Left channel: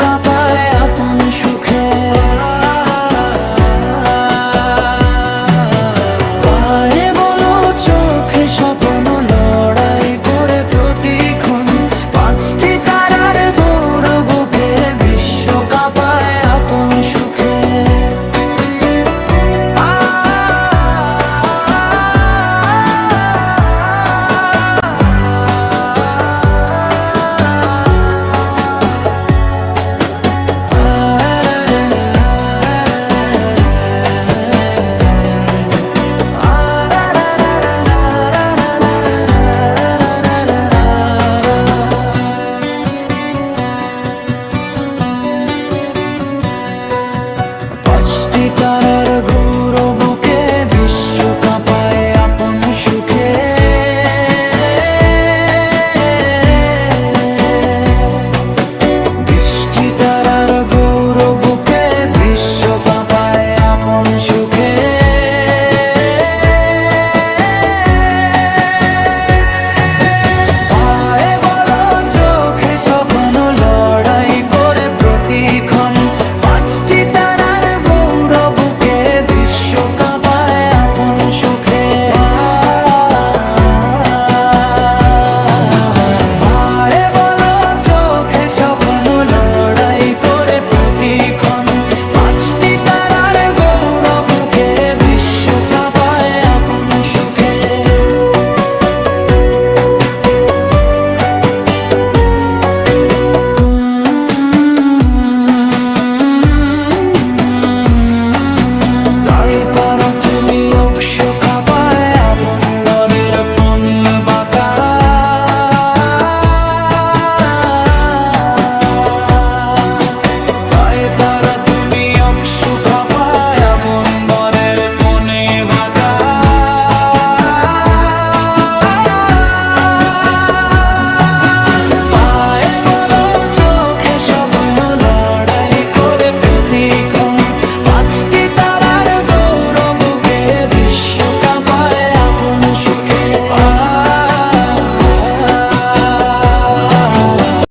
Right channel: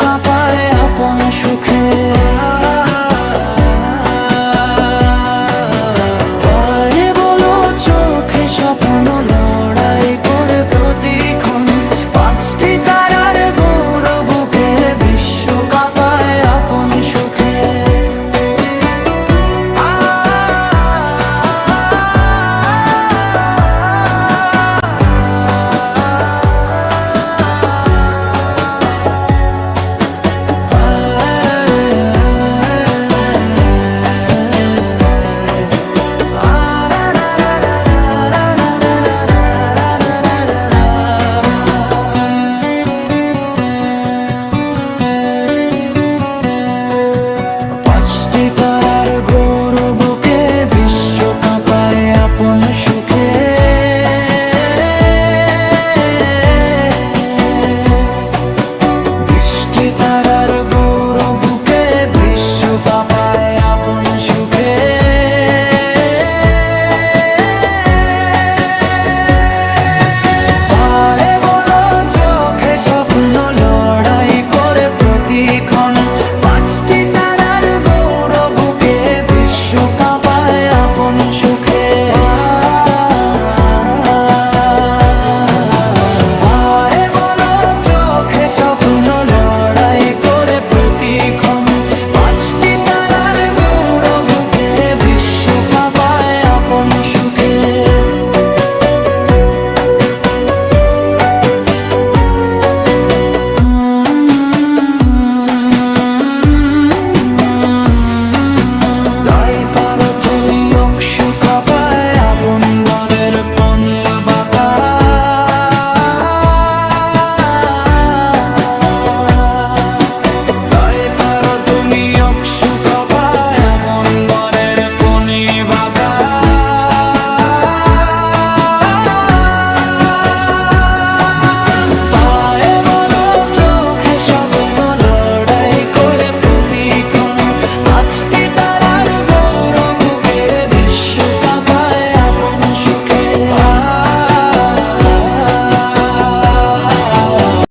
কাঁপায় আপন সুখে। পায়ে বলো চোখে স্বপ্ন লড়াই করে প্রতিক্ষণ, পাঁচটি তারার গৌরব বুকে বিশ্ব কাঁপায় আপন সুখে। পাঁচটি তারার গৌরব বুকে বিশ্ব কাঁপায় আপন সুখে। বৃষ্টি তারার গৌরব বুকে বিশ্ব কাঁপায় আপন সুখে। পায়ে বলো চোখে স্বপ্ন লড়াই করে প্রতিক্ষণ, পাঁচটি তারার গৌরব বুকে বিশ্ব কাঁপায় আপন সুখে। পায়ে বলো চোখে স্বপ্ন লড়াই করে প্রতিক্ষণ, পাঁচটি তারার গৌরব বুকে বিশ্ব কাঁপায় আপন সুখে। কাঁপায় আপন দরের পনি বাঁকা, তাই পারো তুমি অপসু কাঁপায় আপন দরের পনি বাঁকা। পায়ে বলো চোখে স্বপ্ন লড়াই করে প্রতিক্ষণ, পাঁচটি